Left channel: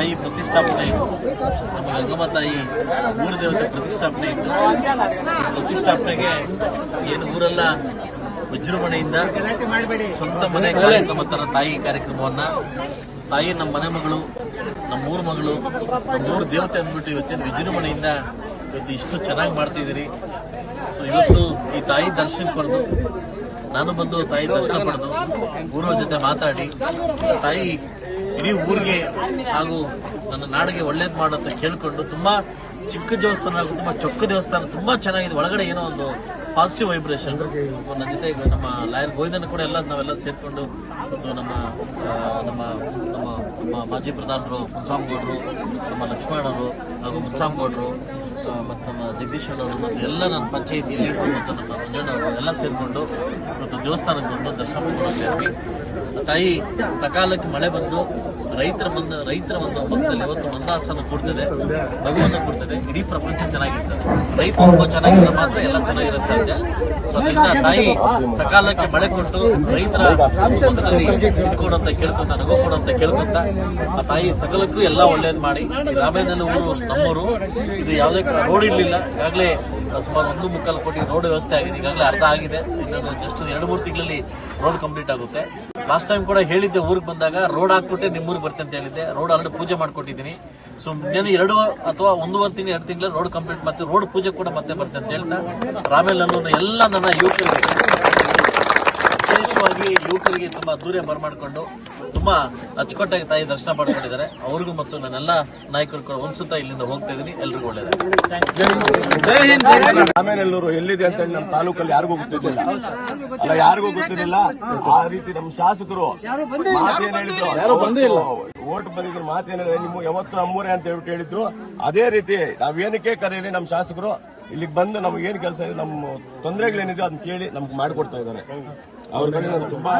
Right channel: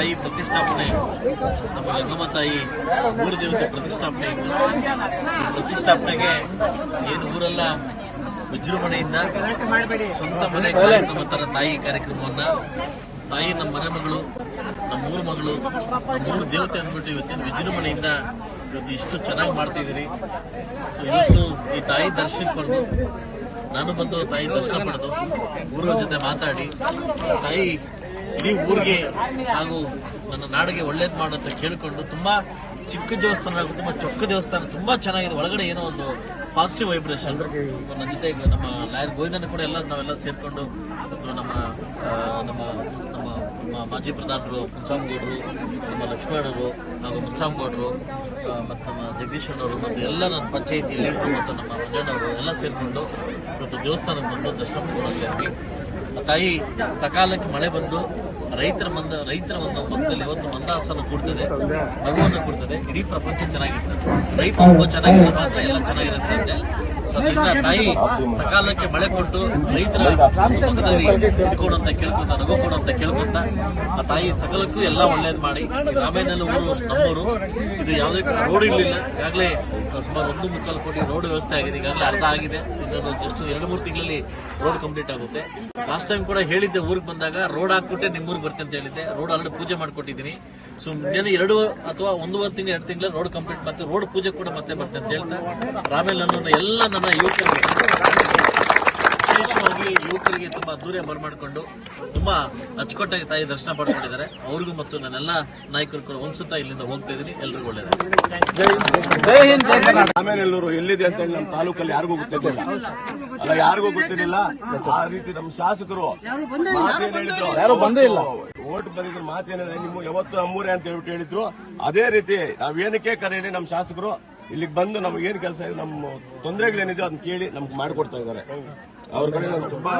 ತಾಯಿ ಪ್ರತಿಷ್ಠಾಪನೆ ನಮ್ಮ ಗಂಗಮ್ಮ ತಾಯಿ ಊರ ದೇವತೆ ಪ್ರತಿಷ್ಠಾಪನೆ ಇತ್ತು. ಪ್ರತಿಷ್ಠಾಪನೆಗೆ ಏನು ಊರೆಲ್ಲ ವಿಜೃಂಭಣೆಯಿಂದ ಸ್ವಂತ ಮನೆ ಕಾರ್ಯಕ್ರಮ ತರ ತಾಯಿ ಕಾರ್ಯಕ್ರಮವನ್ನ ತಾಯಿ ನಮ್ಮ ಮನೆ ಮಗಳು, ನಮ್ಮೂರ ಮಗಳು, ನಮ್ಮೂರ ದೇವತೆ ಅಂದ್ಬಿಟ್ಟು ಇವತ್ತೇನು ವಿಜೃಂಭಣೆಯಿಂದ ಇವತ್ತು ಇಷ್ಟು ಚೆನ್ನಾಗಿ ಮಾಡ್ತಿದ್ದೀರಿ. ಸೊ ಇವತ್ತು ಈ ತಾಯಿ ದರ್ಶನ ಪಡೆದು ನಾನು ಬಂದು ತಾಯಿ ದರ್ಶನ ಪಡೆದು ಊರವ್ರ ಜೊತೆ ಮಾತಾಡಿ ತಾಯಿ ಇಡೀ ಊರಿಗೆ ಹಾಗೂ ನನ್ನ ನಾಡಿಗೆ ಒಳ್ಳೇದು ಮಾಡುತ್ತೆ ಕೇಳ್ಕೊಂಡು ತುಂಬಾ ಚಿಕ್ಕ ದೇವಸ್ಥಾನ ಹಾಗೂ ತುಂಬಾ ಚೊಕ್ಕ ದೇವಸ್ಥಾನ ತುಂಬಾ ಚೆನ್ನಾಗಿದೆ. ಒಳಗಡೆ ಏನೋ ಒಂದು ಪಾಸಿಟಿವ್ ವೈಬ್ರೇಷನ್. ನನ್ನ ಜೊತೆ ನಮ್ಮ ಲಾಯರ್ ಗೋವಿಂದನ್ ಕೂಡ ನಾವೆಲ್ಲ ಸೇರ್ಕೊಂಡು ಮತ್ತು ನಮ್ಮ ನಮ್ಮ ನಮ್ಮ ಮಾಜಿ ಪ್ರಧಾನರು ಮುನ್ಸಾಮ್ಗೌಡರು, ನಮ್ಮ ಲಕ್ಷ್ಮಣರು ಹಾಗೂ ಮುನ್ಸಾಮ್ಗೌಡರು ಮತ್ತು ನಮ್ಮ ಜಗದೀಶ್ ಅವರು ಮತ್ತು ಎಲ್ಲ ನನ್ನ ಪಂಚಾಯಿತಿಯಲ್ಲಿ ಮತ್ತು ನಮ್ಮ ಮಂಜಣ್ಣವರು ಎಲ್ಲ ಸೇರ್ಕೊಂಡು ಇವತ್ತು ದೇವಸ್ಥಾನಕ್ಕೆ ಬಂದು ದರ್ಶನ ಪಡ್ಕೊಂಡಿದ್ವಿ. ತಾಯಿ ಸಕಾಲಕ್ಕೆ ಮಳೆ ಬಂದು ರೈತರ ಒಂದು ಪಕ್ಕದಲ್ಲಿ ಇವತ್ತು ಮಂದಾಸನ ಕೊಡ್ತದೆ, ನಗುವನ್ನು ಕೊಡ್ತದೆ. ಇಡೀ ಪ್ರಪಂಚ ಚೆನ್ನಾಗಿರ್ತದೆ. ರೈತ ತುಂಬಾ ಚೆನ್ನಾಗಿದ್ರೆ ಮಾತ್ರ ಎಲ್ಲ ಚೆನ್ನಾಗಿರೋ ಸಾಧ್ಯ. ಅದರಿಂದ ತಾಯಿ ಸಕಾಲಕ್ಕೆ ಮಳೆ ಕೊಟ್ಟು ರೈತರ ಪಕ್ಕದಲ್ಲಿ ಇದ್ಕೊಡಂತ ಕೇಳ್ಕೊಂತ, ನಗು ಕೊಡಂತ ಕೇಳ್ಕೊಂತ ಆ ತಾಯಿ ಸಕಲಕ್ಕೂ ಎಲ್ಲ ಒಳ್ಳೇದು ಮಾಡಿ. ರಾಮೇನಹಳ್ಳಿ ಊರು ನಮ್ಮೂರು. ಇದು ಯಾವುದೇ ರೋಡ್ ಇರಲಿಲ್ಲ. ಈಗಾಗಲೇ ಸುಮಾರು 1.25 ಕೋಟಿ ರೋಡ್ ವ್ಯವಸ್ಥೆ ಆಗಿದೆ. ಈಗಾಗಲೇ ಅರ್ಧ ಆಗಿದೆ. ಇನ್ನೊಂದು ಜಸ್ಟ್ 2-3 ತಿಂಗಳಲ್ಲಿ ರೋಡ್ ಕಂಪ್ಲೀಟ್ ಆಗುತ್ತೆ. ಲಾಸ್ಟ್ ಟೈಮ್ ಕೂಡ ಹೇಳಿದ್ದೆ, ಊರಿಗೆ ಬಂದಾಗ ರೋಡ್ ಹಾಕ್ಬಿಟ್ಟೆ ನಿಮ್ಮೂರಿಗೆ ಬರ್ತೇನೆ ಅಂತ ಹೇಳಿದ್ದೆ. ರೋಡ್ ಆಲ್ರೆಡಿ ಪೂಜೆ ಮಾಡ್ಕೊಟ್ಟಿದ್ದೀನಿ. ಸೊ ಇನ್ನೇನು 2 ಅಥವಾ 1.5 ತಿಂಗಳು 2 ತಿಂಗಳ ರೋಡ್ ಕಂಪ್ಲೀಟ್ ಮತ್ತೆ ರೋಡ್ ಪೂಜೆ ಕೂಡ ಮತ್ತೆ ಬರ್ತೇನೆ ಅಂತ ಹೇಳ್ತಾ ರಾಮೇನಹಳ್ಳಿ ಎಲ್ಲ ನನ್ನ ಯುವಕರಿಗೆ, ವಿಶೇಷವಾಗಿ ಯುವಕರಿಗೆ ತುಂಬಾ ದೂರ ಬರಮಾಡಿಕೊಂಡು ತುಂಬಾ ಅಚ್ಚುಕಟ್ಟಾಗಿ ತಾಯಿ ದರ್ಶನ ಪಡ್ಕೊಂಡಿದ್ದಾರೆ. ಅವ್ರಿಗೂ ಮತ್ತು ನನ್ನೆಲ್ಲ ನಾಯಕರು ಕೂಡ ಒಂದ್ಸತ ಇಲ್ಲಿಂದ ಹೋಗ್ತಾ ಇದ್ದೀನಿ. ಎಲ್ರಿಗೂ ಒಳ್ಳೇದಾಗುತ್ತೆ. ರಾಮೇನಹಳ್ಳಿ ಎಲ್ಲಿದೆ ಅಂತ ಹೇಳಿ ನಮ್ಮ ತಾಲೂಕಲ್ಲಿ ಯಾರಿಗೂ ಗೊತ್ತಿರಲಿಲ್ಲ. ಯಾರಿಗೂ ಗೊತ್ತಿರಲಿಲ್ಲ. ಆ ರೀತಿ ನಮ್ಮ ಶಾಸಕರು ಮಾತೇನು ಹೇಳಿದ್ರು, ಓಟ್ ಬಂದಿದ್ರು ಮಾತೇನಿದೆ, ನಿಮ್ಗೆ ಯಾವತ್ತು ನಮ್ಮೂರೇ ಅಂತ ಹೇಳ್ಬಿಟ್ಟು ಹೇಳಿದ್ರು. ಅದೇ ರೀತಿ ನಾವೇನಕ್ಕೆ ಕರೆಯಲಿ ನಮ್ಮ ಶಾಸಕರು ಇಲ್ಲಿಗೆ ಬಂದು ನಮ್ಗೆ ಏನ್ ಕೆಲಸ ಇದೆ, ನಮ್ಮ ತೊಂದರೆಗಳೇನಿದೆ ಅದನ್ನ ಕೇಳಿ ನಮ್ಗೆ ಮಾಡಿಕೊಡ್ತಾ ಇದ್ದಾರೆ. ಅವ್ರ ಕಡೆ ನಾನು ತುಂಬಾ